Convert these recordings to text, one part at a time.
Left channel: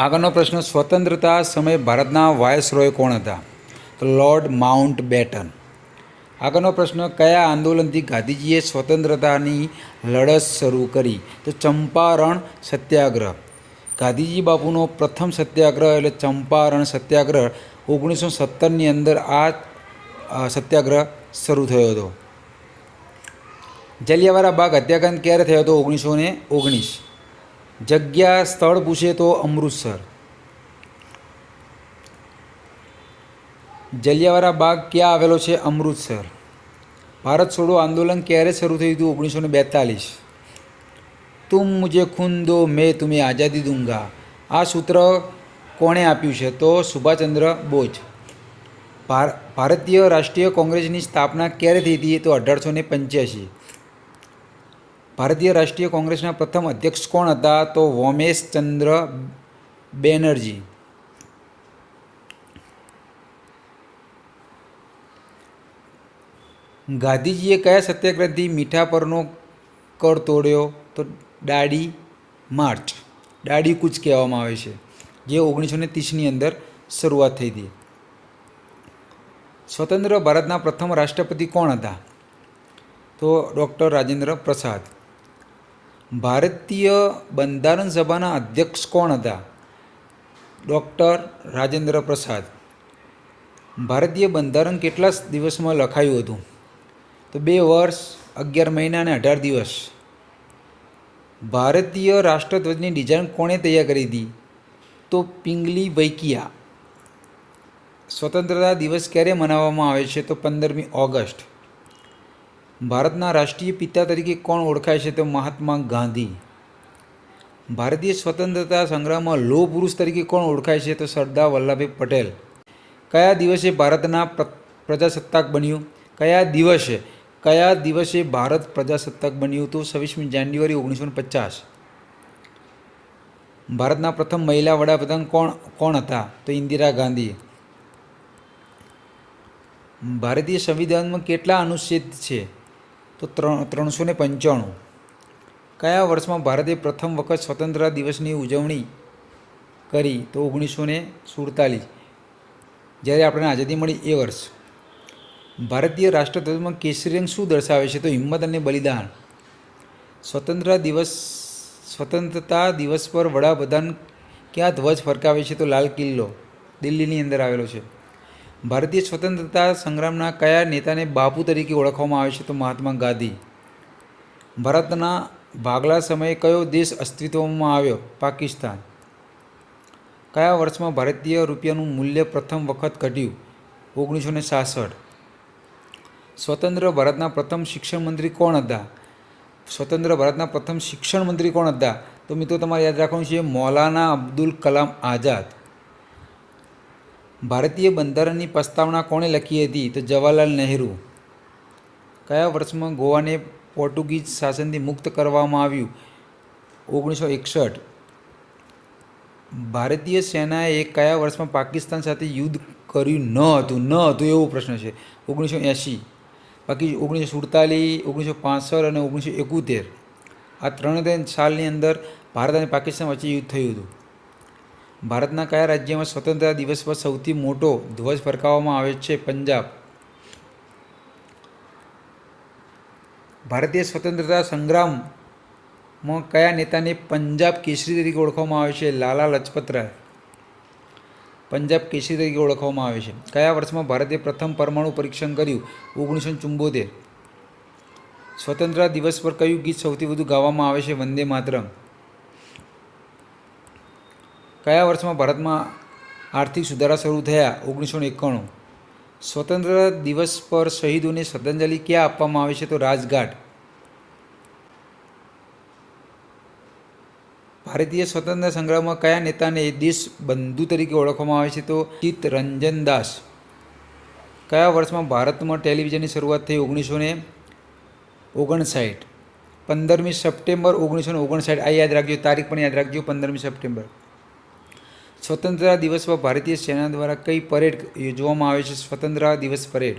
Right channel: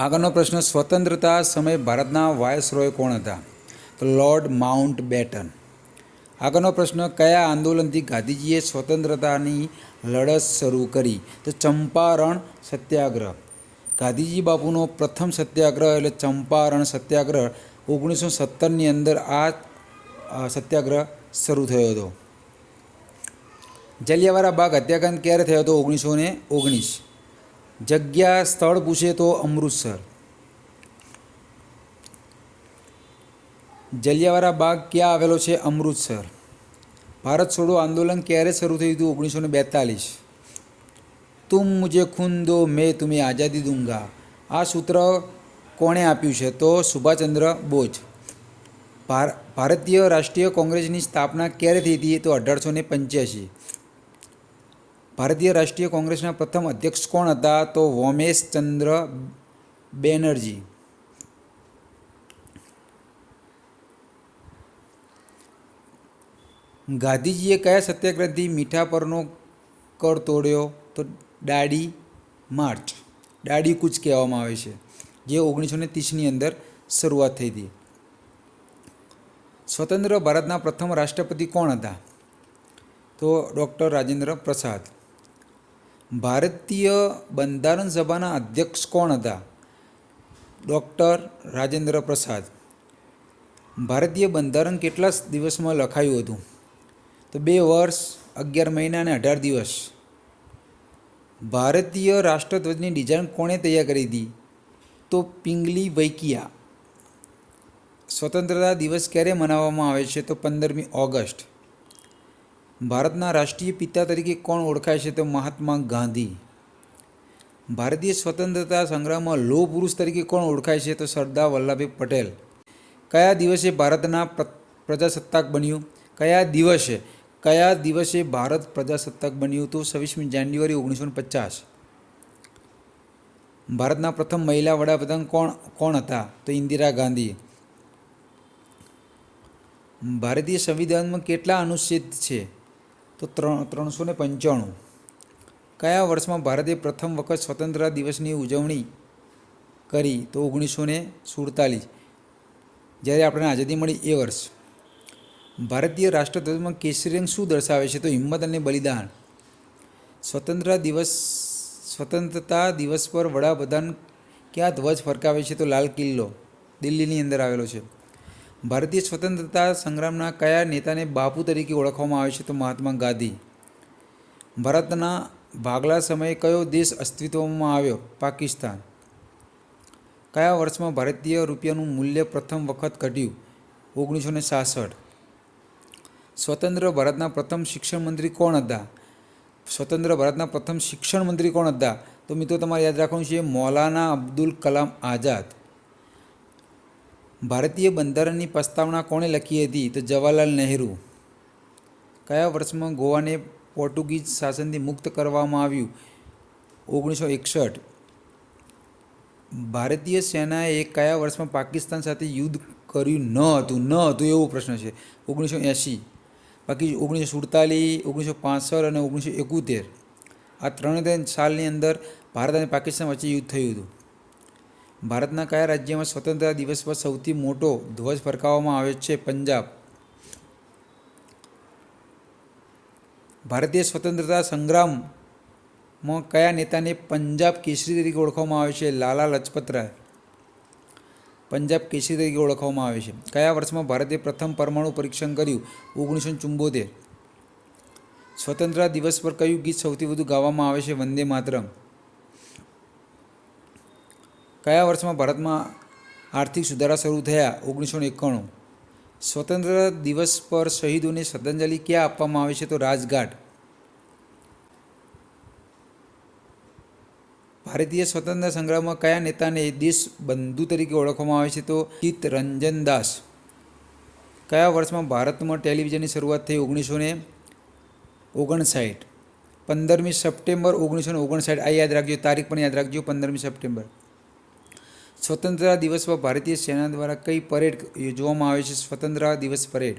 આગળનો પ્રશ્ન, સ્વતંત્રતા સમયે ભારતના વાયસરોય કોણ હતા? Lord Mountbatten. આગળનો પ્રશ્ન, કયા આંદોલનથી ગાંધીજીએ સ્વતંત્રતાની લડત શરૂ કરી? તો ચંપારણ સત્યાગ્રહ. ગાંધીજી બાપુનો પ્રથમ સત્યાગ્રહ એટલે ચંપારણ સત્યાગ્રહ. ઓગણીસો સત્તરની અંદર આ સત્યાગ્રહ શરૂ થયો હતો. જલિયાવાલા બાગ હત્યાકાંડ ક્યારે થયો હતો? ઓગણીસો ને ઓગણીસ. જગ્યા સ્થળ પૂછે તો અમૃતસર. જલિયાવાલા બાગ ક્યાં આવેલો છે? અમૃતસર. ભારત છોડો આંદોલન ક્યારે શરૂ થયું હતું? ઓગણીસો બેતાલીસ. તુમ મુજે ખૂન દો, મેં તુમે આઝાદી દૂંગા. આ સૂત્ર કોણે આપ્યું છે? તો સુભાષચંદ્ર બોઝ. ભાર- ભારતીય રાષ્ટ્રીય કોંગ્રેસની સ્થાપના ક્યારે થઈ હતી? તો અઢારસો ને પંચ્યાસી. ભારતીય રાષ્ટ્રીય કોંગ્રેસના પ્રથમ અધ્યક્ષ કોણ હતા? તો વોમેશ ચંદ્ર બેનર્જી. ગાંધીજીએ કયા સત્યાગ્રહથી મીઠા પરનો કર તોડ્યો? તો દાડી માર્ચ. દાડી કૂચ કહેવામાં આવે છે, જે ઓગણીસો ને ત્રીસની અંદર શરૂઆત થઈ હતી. સ્વતંત્ર ભારતના પ્રથમ રાષ્ટ્રપતિ કોણ હતા? તો ડૉક્ટર રાજેન્દ્ર પ્રસાદ. ભારતીય બંધારણ સભાના અધ્યક્ષ કોણ હતા? ડૉક્ટર રાજેન્દ્ર પ્રસાદ. ભારતીય બંધારણ કેટલા દિવસમાં લખાયું હતું? તો બે વર્ષ, અગિયાર મહિના અને અઢાર દિવસ. ભારતીય રાષ્ટ્રધ્વજની ડિઝાઇન કોણે તૈયાર કરી હતી? તો પિંગલી વૈકિયા. સ્વતંત્રતા દિવસ ક્યારે મનાવવામાં આવે છે? તો પંદરમી ઓગસ્ટ. ભારતના રાષ્ટ્રીય પિતા તરીકે કોણ ઓળખાય છે તો મહાત્મા ગાંધી. ભારતીય સ્વતંત્રતા સંગ્રામમાં લોહ પુરુષ તરીકે કોણ ઓળખાય છે તો સરદાર વલ્લભભાઈ પટેલ. કયા દિવસે ભારતના પ્ર- પ્રજાસત્તાક બન્યું? કયા દિવસે? કયા દિવસે ભારત પ્રજાસત્તાક બન્યું તો છવ્વીસમી જાન્યુઆરી ઓગણીસો પચાસ. ભારતના પ્રથમ મહિલા વડાપ્રધાન કોણ કોણ હતા? તો ઇન્દિરા ગાંધી. ભારતીય સંવિધાનમાં કેટલા અનુચ્છેદ છે? તો ત્રણ, ત્રણસો ને પંચાણું. કયા વર્ષમાં ભારતે પ્રથમ વખત સ્વતંત્રતા દિવસની ઉજવણી કરી? તો ઓગણીસો ને સુડતાલીસ. જ્યારે આપણને આઝાદી મળી એ વર્ષ. ભારતીય રાષ્ટ્રધ્વજમાં કેસરી રંગ શું દર્શાવે છે? તો હિંમત અને બલિદાન. સ્વતંત્રતા દિવસ સ્વતંત્રતા દિવસ પર વડાપ્રધાન ક્યાં ધ્વજ ફરકાવે છે? તો લાલ કિલ્લો, દિલ્હીની અંદર આવેલો છે. ભારતીય સ્વતંત્રતા સંગ્રામના કયા નેતાને બાપુ તરીકે ઓળખવામાં આવે છે તો મહાત્મા ગાંધી? ભારતના ભાગલા સમયે કયો દેશ અસ્તિત્વમાં આવ્યો? પાકિસ્તાન. કયા વર્ષમાં ભારતીય રૂપિયાનું મૂલ્ય પ્રથમ વખત ઘટ્યું? ઓગણીસો ને સાસઠ. સ્વતંત્ર ભારતના પ્રથમ શિક્ષણ મંત્રી કોણ હતા? સ્વતંત્ર ભારતના પ્રથમ શિક્ષણ મંત્રી કોણ હતા? તો મિત્રો, તમારે યાદ રાખવાનું છે મૌલાના અબ્દુલ કલામ આઝાદ. ભારતીય બંધારણની પ્રસ્તાવના કોણે લખી હતી? તો જવાહરલાલ નહેરુ. કયા વર્ષમાં ગોવાને પોર્ટુગીઝ શાસનથી મુક્ત કરવામાં આવ્યું? ઓગણીસો એકસઠ. ભારતીય સેનાએ કયા વર્ષમાં પાકિસ્તાન સાથે યુદ્ધ કર્યું? ન હતું. ન હતું એવો પ્રશ્ન છે. ઓગણીસો એંશી. બાકી ઓગણીસો સુડતાલીસ, ઓગણીસો પાસઠ અને ઓગણીસો એકોતેર. આ ત્રણ ત્રણ સાલની અંદર ભારત અને પાકિસ્તાન વચ્ચે યુદ્ધ થયું હતું. ભારતના કયા રાજ્યમાં સ્વતંત્રતા દિવસ પર સૌથી મોટો ધ્વજ ફરકાવવામાં આવે છે? પંજાબ. ભારતીય સ્વતંત્રતા સંગ્રામમાં કયા નેતાને પંજાબ કેસરી તરીકે ઓળખવામાં આવે છે? લાલા લજપત રાય પંજાબ કેસરી તરીકે ઓળખવામાં આવે છે. કયા વર્ષમાં ભારતે પ્રથમ પરમાણુ પરીક્ષણ કર્યું? ઓગણીસો ચુંબોતેર. સ્વતંત્રતા દિવસ પર કયું ગીત સૌથી વધુ ગાવામાં આવે છે? વંદે માતરમ. કયા વર્ષમાં ભારતમાં આર્થિક સુધારા શરૂ થયા? ઓગણીસો એકાણું. સ્વતંત્રતા દિવસ પર શહીદોને શ્રદ્ધાંજલિ ક્યાં આપવામાં આવે છે? તો રાજઘાટ. ભારતીય સ્વતંત્ર સંગ્રામમાં કયા નેતાને દેશ બંધુ તરીકે ઓળખવામાં આવે છે? તો ચિત્ત રંજન દાસ. કયા વર્ષમાં ભારતમાં ટેલિવિઝનની શરૂઆત થઈ? ઓગણીસો ને ઓગણસાઠ. પંદરમી સપ્ટેમ્બર ઓગણીસો ને ઓગણસાઠ. આ યાદ રાખજો, તારીખ પણ યાદ રાખજો, પંદરમી સપ્ટેમ્બર. સ્વતંત્રતા દિવસમાં ભારતીય સેના દ્વારા કઈ પરેડ યોજવામાં આવે છે? સ્વતંત્રતા દિવસ પરેડ.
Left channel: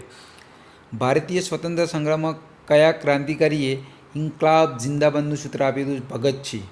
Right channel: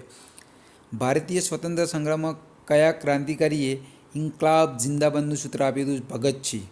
ભારતીય સ્વતંત્ર સંગ્રામમાં કયા ક્રાંતિકારીએ ઇન્કલાબ જિંદાબંધનું સૂત્ર આપ્યું હતું? ભગતસિંહ.